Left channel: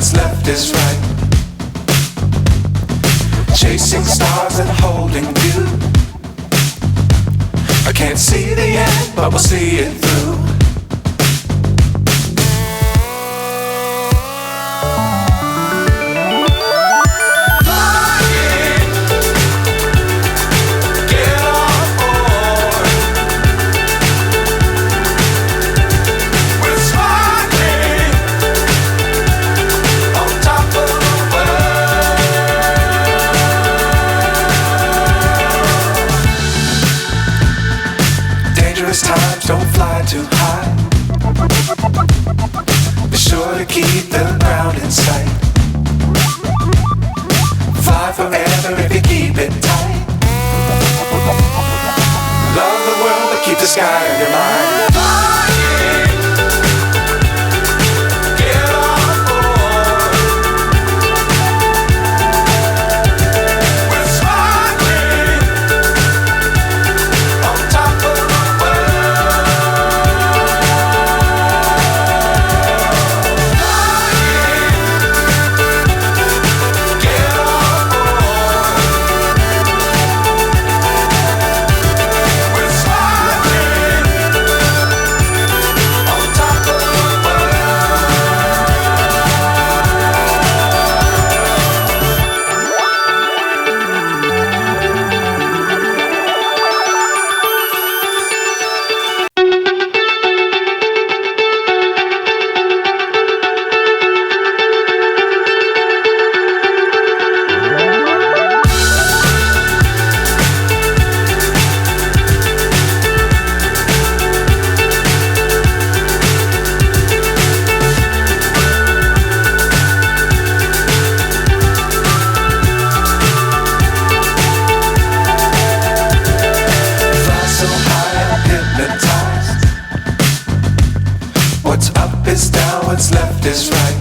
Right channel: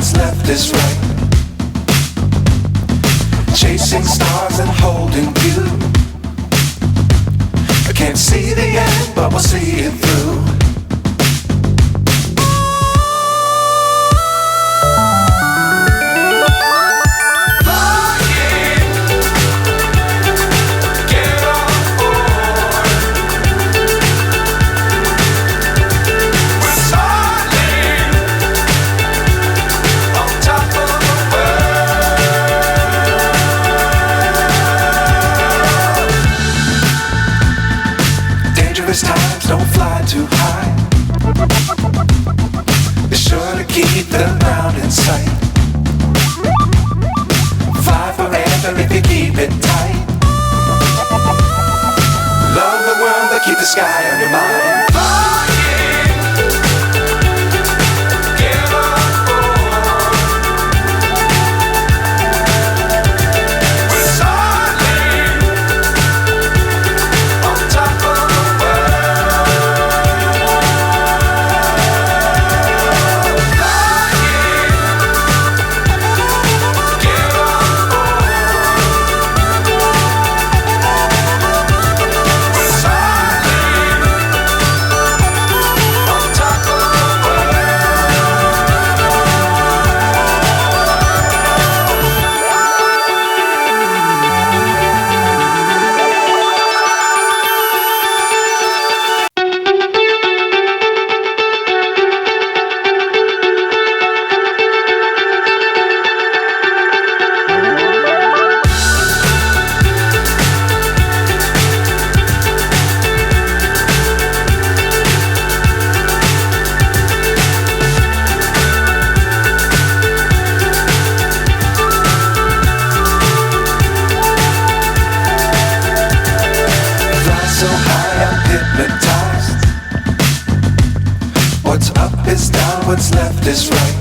what's left is right. Chasing stars and holding you. I can't see the end, but we'll see it through. Dangerous times, don't fly too high. Be sure to keep the ground in sight. Fly forever if you keep it tight. Love the world, but keep the sky on your mind. So high, I'm hypnotized. What's up is down, what's left is right.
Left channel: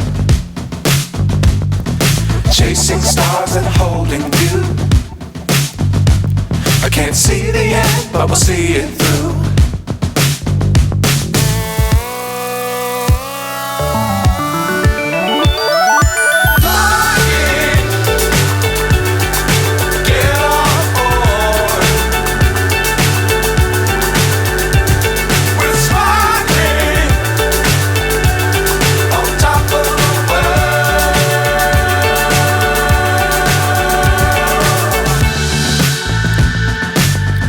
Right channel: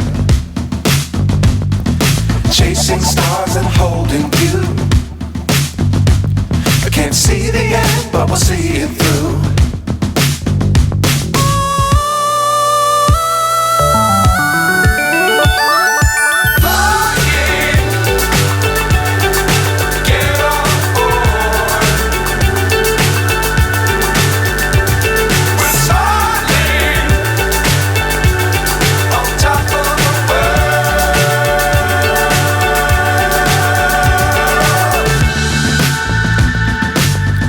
Chasing stars and holding you. I can't see the end, but we'll see it through.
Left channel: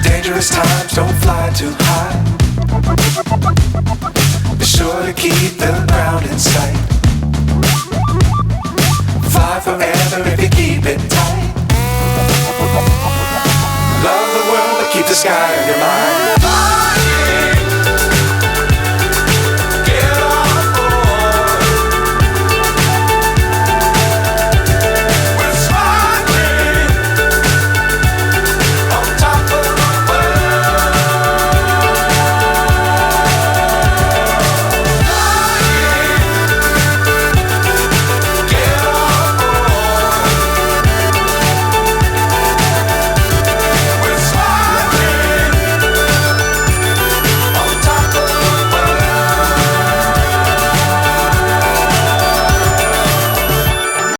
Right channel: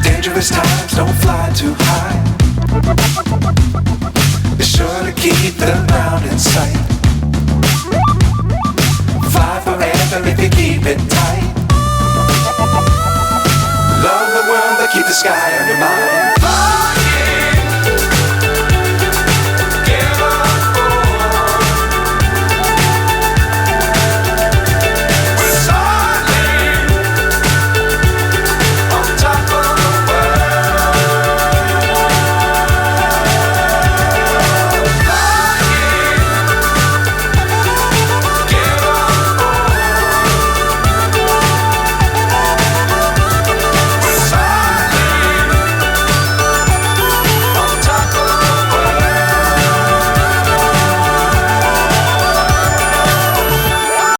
Dangerous times, don't fly too high. Be sure to keep the ground in sight. Fly forever if you keep it tight. Love the world, but keep the sky on your mind.